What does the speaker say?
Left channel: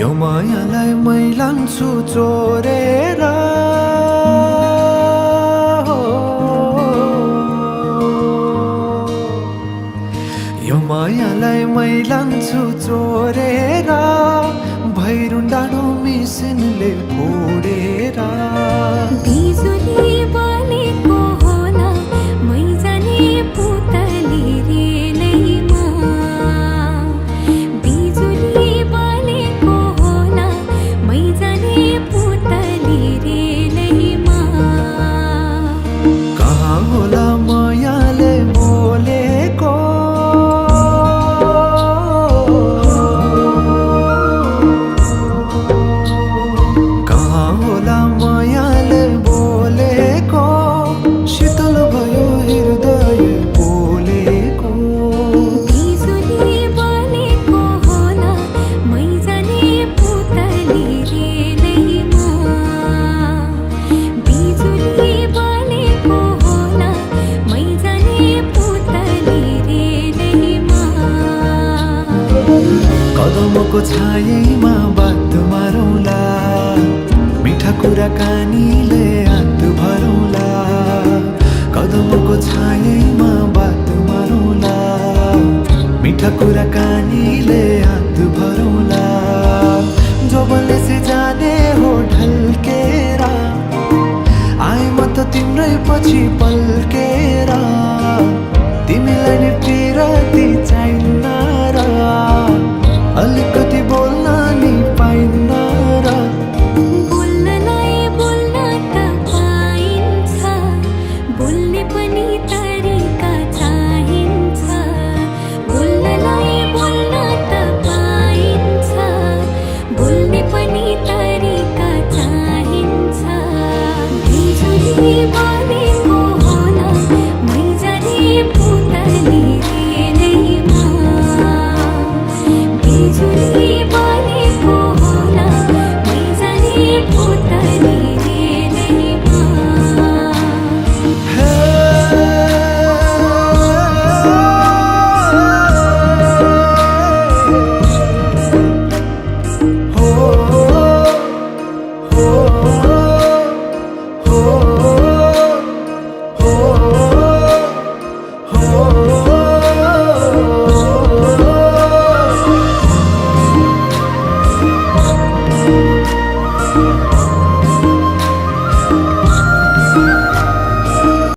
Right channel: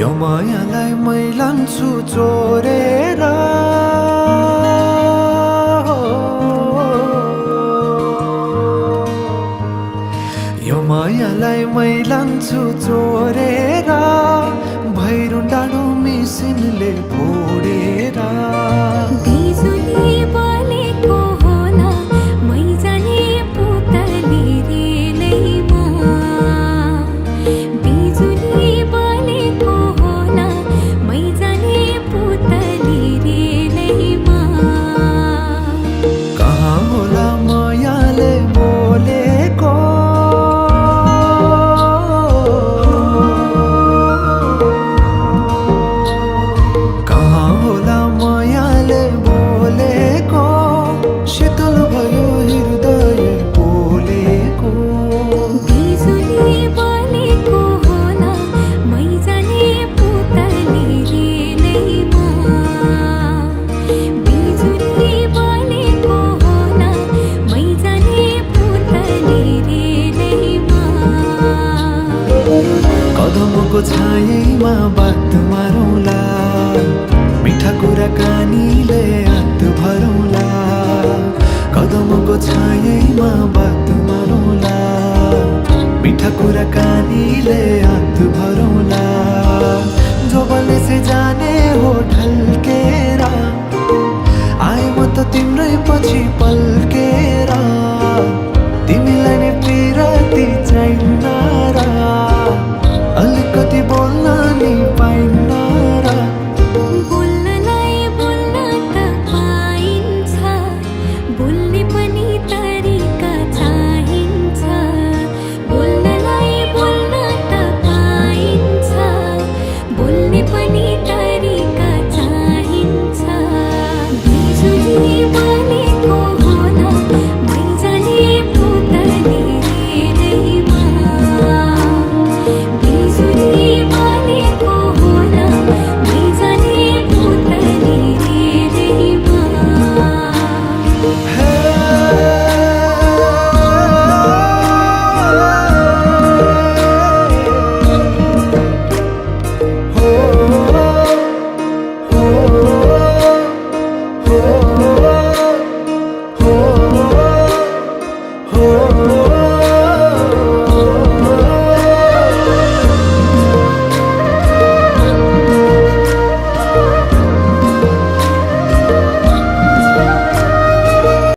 यो मायालाई मै लान्छु चोरेर यो मायालाई मै लान्छु चोरेर भैरुन डाँडो मिसिनले फोडेर बिजुली बलेको होला मै जाने पुतली रेलैमा बिजुली बलेको होला मै जाने पुतली रेलैमा कहाँ होला मायाले बोलेको मायाले बोलेको शीतल भयो हृदय बोलेको बिजुली बलेको होला मै जाने पुतली रेलैमा बिजुली बलेको होला मै जाने पुतली रेलैमा कदमको छायैमा बात मारौँला मिठा कुराकानीले हात भरौँला कदमको छायैमा बात मारौँला मिठा कुराकानीले हात भरौँला जोबनले से जाने हो ढल्केर आए म त तिम्रै पछि पल्केर तिमीलाई नै पिरती चाहिन्न र